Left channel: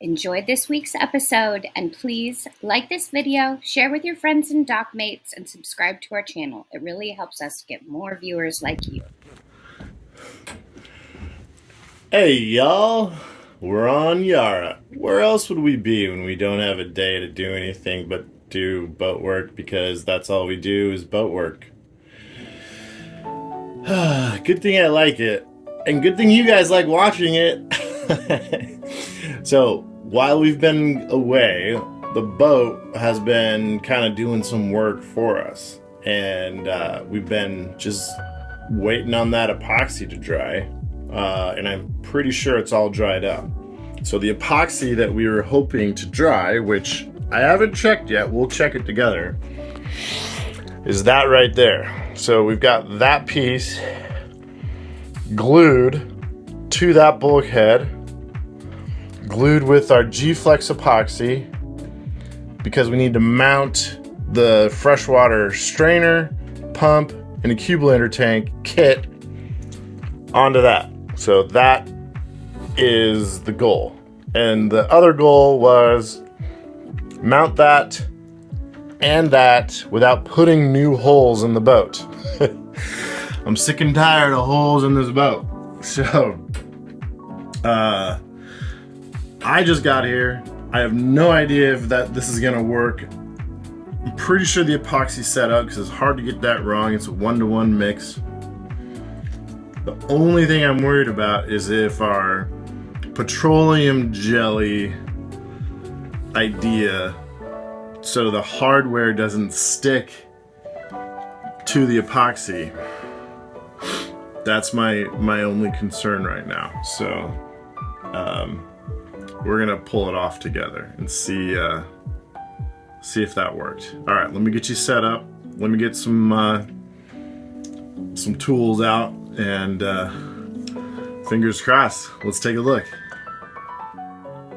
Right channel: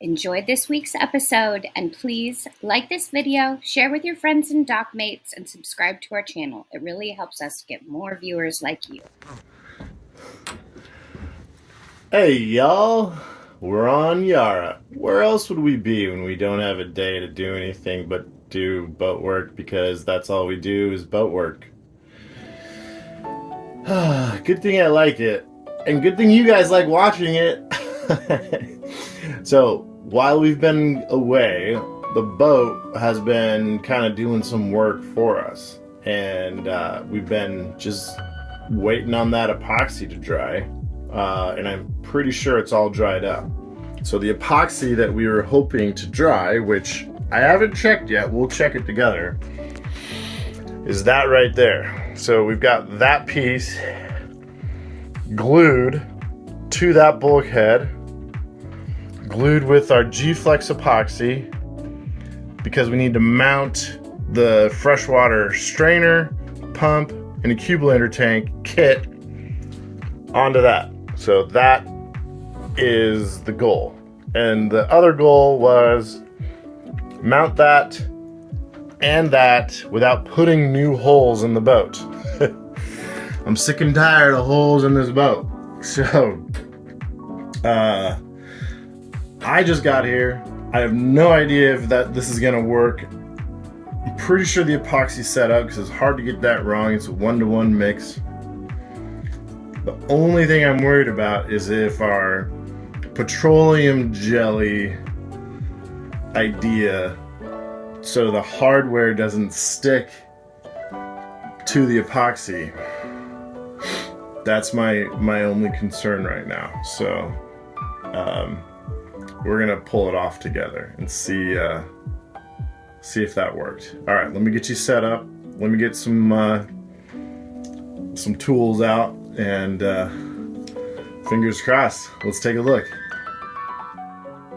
enjoyed this week's episode, and please like this video, share with your friends and dock mates, and subscribe to our channel. It really helps us get more viewers like you. Hey y'all, we're on Yara. Where else would we be when we don't have a day to do anything but do boat work, because that's all we do is boat work. Good thing I like it, and good thing you guys like watching it. So while we've been away, the boat has been kind of doing some work for us, and we've been just waiting on that epoxy to dry, and I'm pretty sure it's all dried up. So the epoxy that we were hoping to dry, which I haven't checked yet, we'll check it together, is that right there. So we've got that piece glued to that bulkhead, glued with our G-Flex epoxy, because we need to mount the freshwater strainer, pump, and accumulator tank kit onto that. So that is the goal. And the other goal was mount that and that without putting new holes in the boat. I'm sick and tired of holes in this boat. So, I just got here. I have no idea if this is gonna work. I'm pretty sure the epoxy's set up because it's hard to get that wrong. It's a 1-to-1 mix. The only thing I'm worried about is if our petroleum jelly idea, so the hardware doesn't stick to the epoxy. That's my only concern right now. So we're gonna pull it off together and see if that worked. All right, let me get you set up. Let me get some tools out, and fingers crossed. Let's take a look.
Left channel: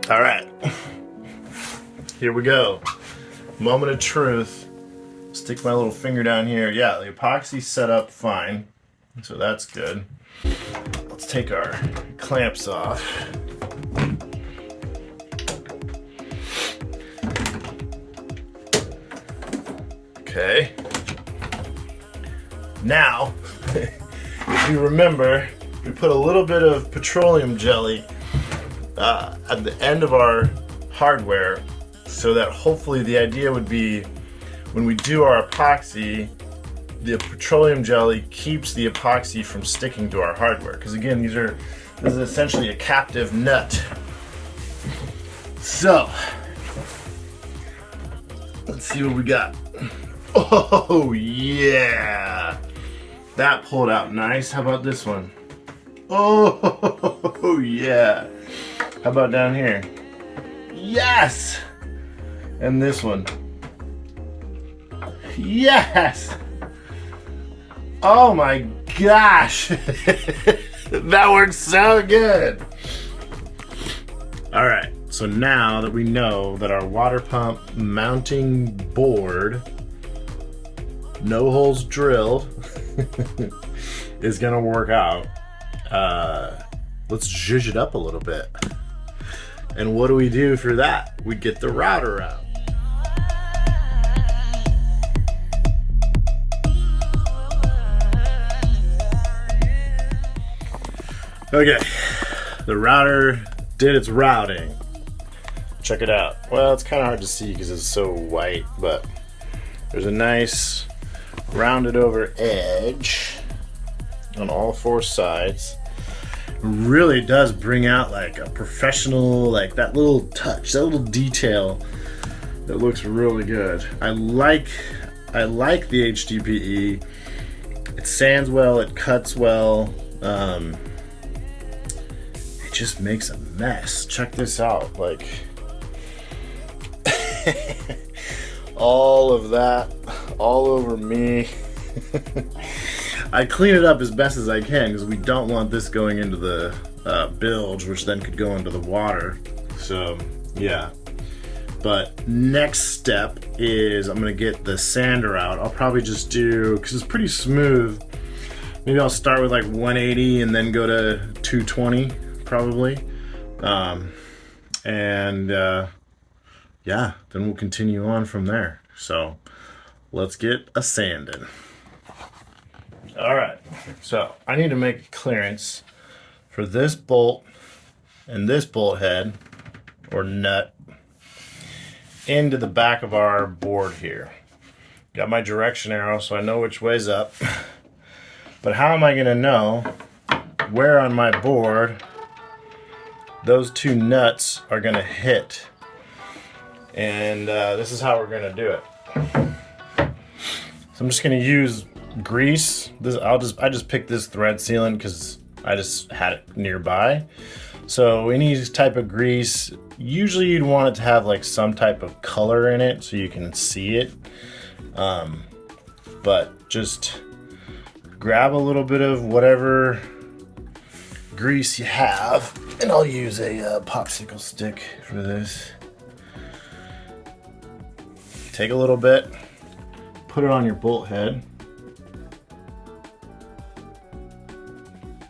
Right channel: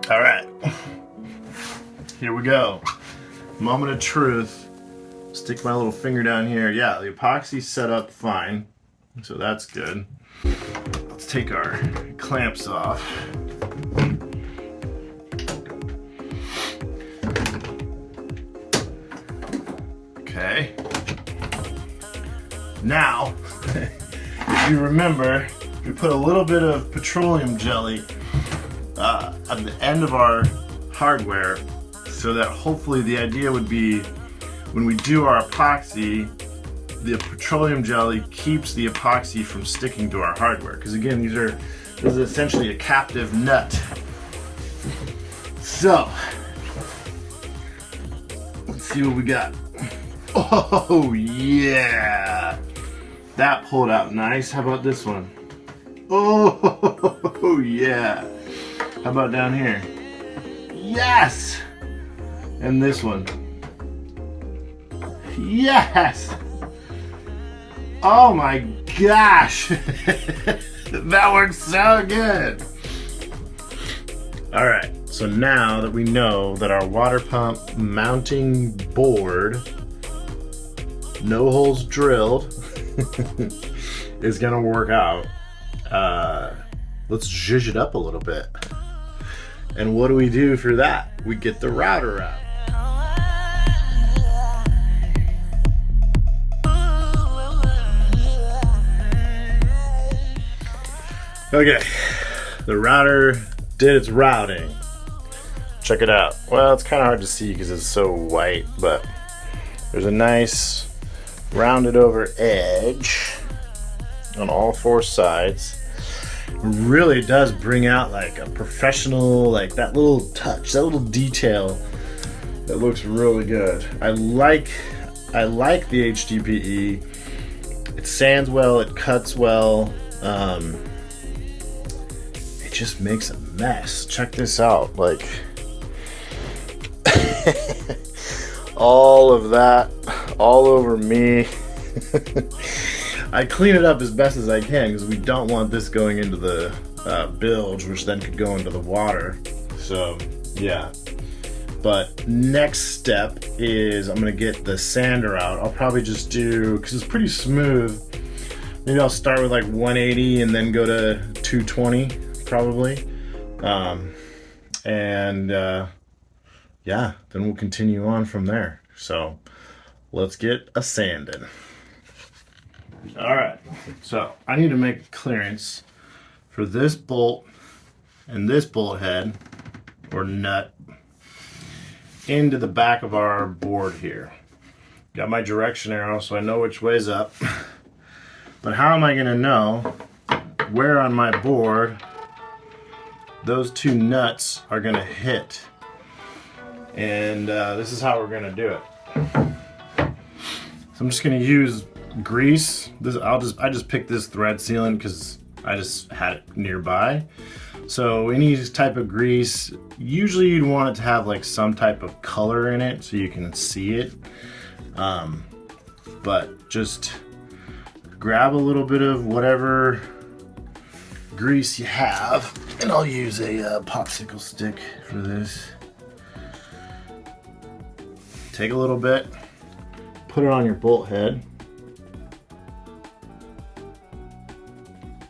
All right, here we go. Moment of truth. Stick my little finger down here. Yeah, the epoxy's set up fine, so that's good. Let's take our clamps off. Okay. Now, if you remember, we put a little bit of petroleum jelly at the end of our hardware, so that hopefully the idea would be when we do our epoxy, the petroleum jelly keeps the epoxy from sticking to our hardware. Because again, this is essentially a captive nut. So, let's see what we got. Oh yeah, that pulled out nice. How about this one? Oh yeah. How about down here? Yes. And this one. Yes. Oh my gosh. That works so good. All right, so now that we know that our water pump mounting board, no holes drilled, is gonna work out, let's zhuzh it up a little bit. And what do we do for that? We get the router out. Okay, the router did its routing. Check it out. Well, it's kind of hard to see because it's so white, but there's a nice rounded over edge on all 4 sides. Really does bring out like a professional, like that little touch, that little detail that looks really good. I like the HDPE. It sands well, it cuts well. It just makes a mess. Check this out, like all of that all over me. I clean it up as best as I can because we don't want this going into the bilge, which then could go into the water. So yeah, but next step is I'm gonna get the sander out. I'll probably just do, because it's pretty smooth, maybe I'll start with like 180 and then go to 220 probably. And yeah, then we'll continue on from there. So let's get a sanding. All right, so I need to make clearance for this bolt and this bolt head or nut into the back of our board here. Got my direction arrow so I know which way's up. But how am I going to know where on my board those two nuts are going to hit? And this is how we're going to do it. So I'm just going to use grease. I just picked this thread sealant because I just had it nearby. So any type of grease, usually you'd want it to have like some type of color in it so you can see it. But just grab a little bit of whatever grease you have, and I'll use a popsicle stick for this. Take a little bit, put it on your bolt head,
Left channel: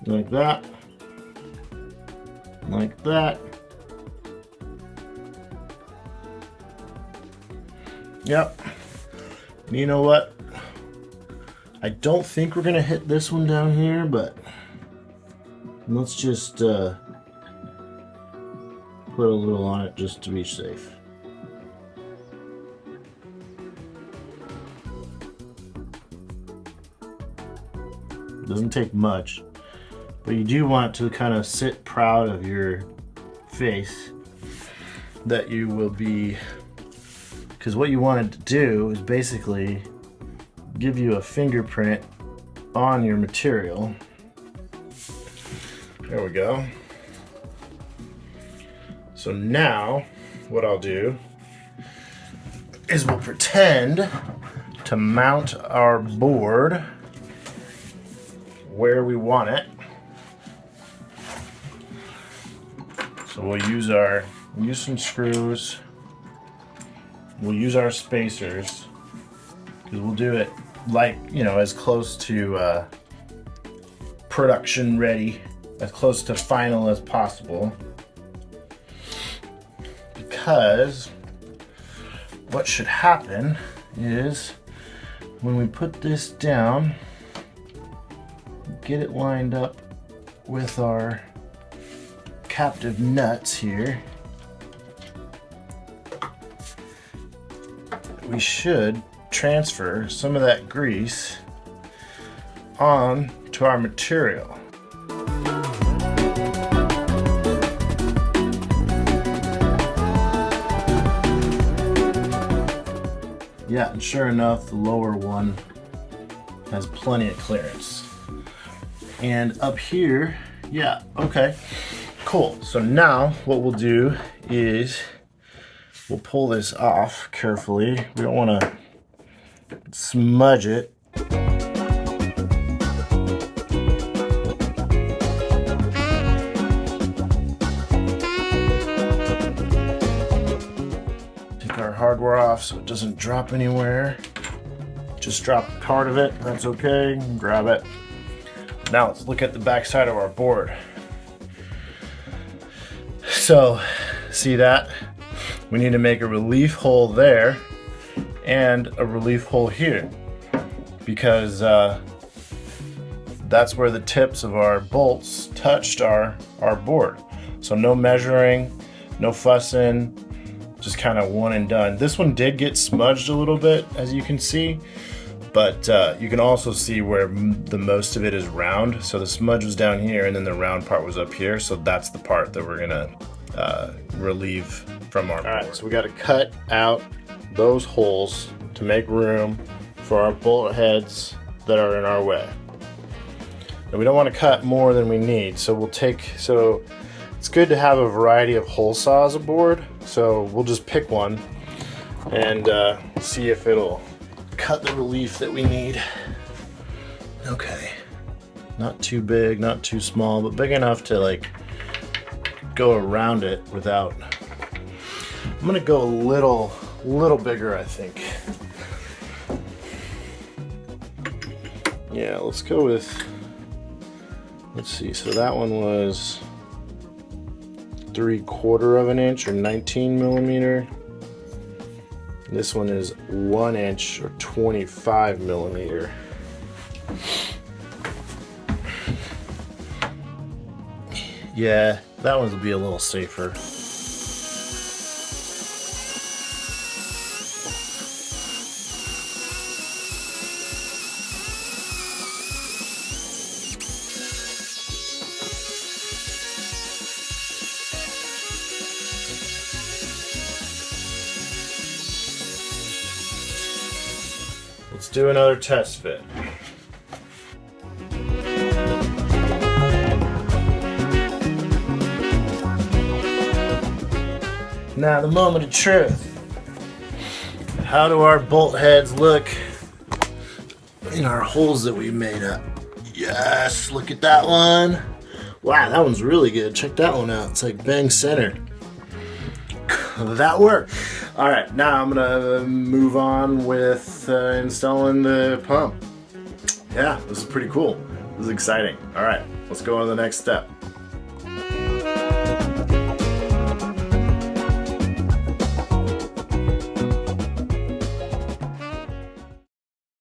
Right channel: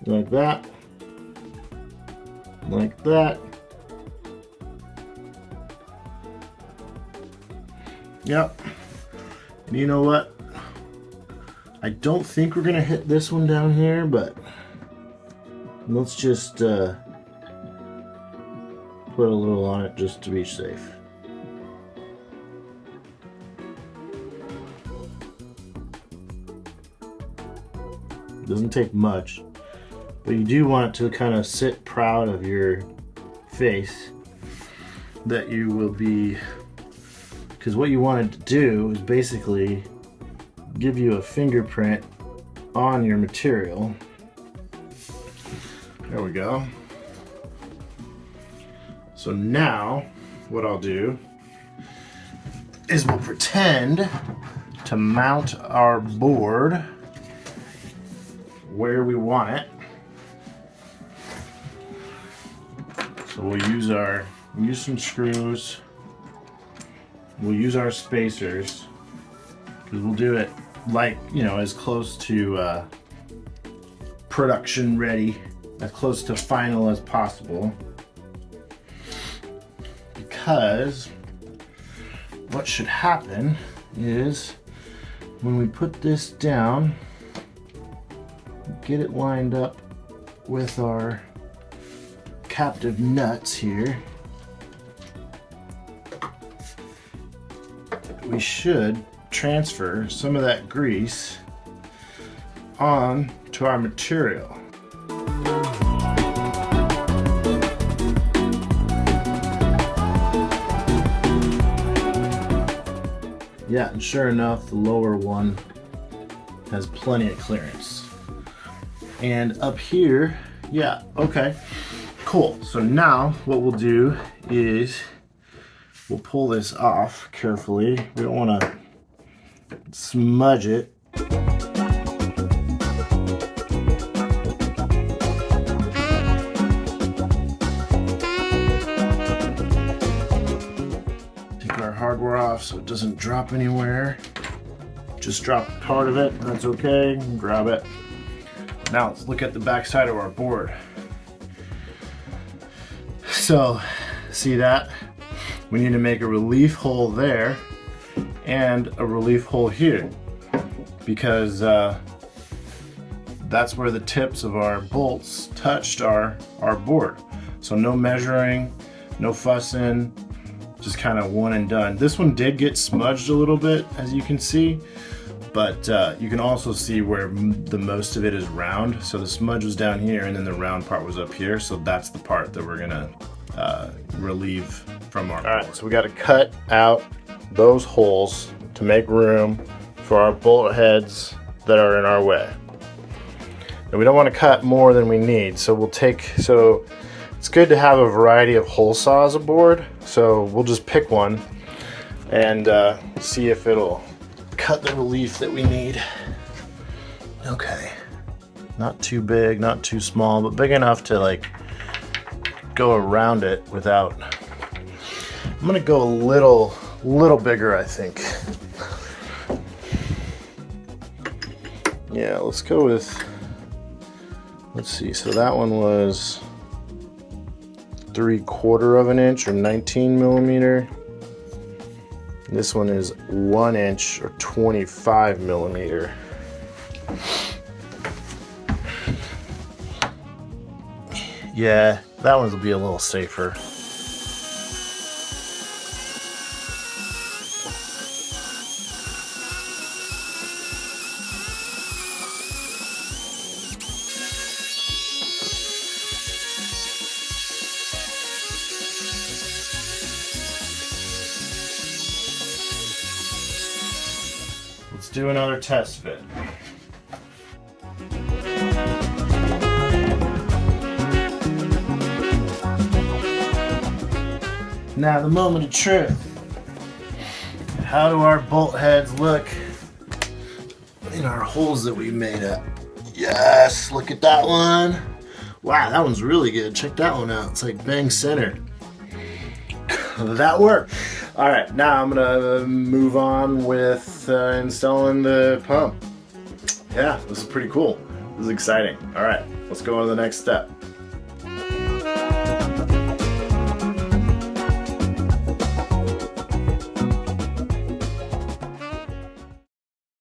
like that, like that. Yep. You know what? I don't think we're gonna hit this one down here, but let's just put a little on it just to be safe. Doesn't take much, but you do want it to kind of sit proud of your face that you will be, because what you want it to do is basically give you a fingerprint on your material. There we go. So now what I'll do is we'll pretend to mount our board where we want it. So we'll use some screws. We'll use our spacers because we'll do it like, you know, as close to production ready, as close to final as possible. Because what should happen is when we put this down, get it lined up with our captive nuts here, we should transfer some of that grease on to our material. Yeah, and sure enough, the lower one has plenty of clearance. And up here, yeah, okay, cool. So now what we'll do is we'll pull this off carefully. We don't want to smudge it. Take our hardware off so it doesn't drop anywhere. Just drop part of it, that's okay. Grab it. Now let's look at the back side of our board. So, see that? We need to make a relief hole there and a relief hole here because that's where the tips of our bolts touched our board. So no measuring, no fussing, just kind of one and done. This one did get smudged a little bit, as you can see, but you can also see where the most of it is round. So the smudge was down here and then the round part was up here. So that's the part that we're gonna relieve from our board. All right, so we got to cut out those holes to make room for our bolt heads that are in our way. And we don't want to cut more than we need, so it's good to have a variety of hole saws aboard. So we'll just pick one and see if it'll cut the relief that we need. Okay, not too big, not too small, but big enough to like go around it without. I'm gonna go a little bigger, I think. Yeah, let's go with, let's see, so that one was 3/4 of an inch or 19 millimeter. This one is 1 inch or 25 millimeter. Yeah, that one will be a little safer. Let's do another test fit. Now the moment of truth. How do our bolt heads look in our holes that we made up? Yes, look at that one. Wow, that one's really good. Check that one out. It's like bang center. That worked. All right, now I'm gonna move on with installing the pump. Yeah, this is pretty cool. This is exciting. All right, let's go on to the next step.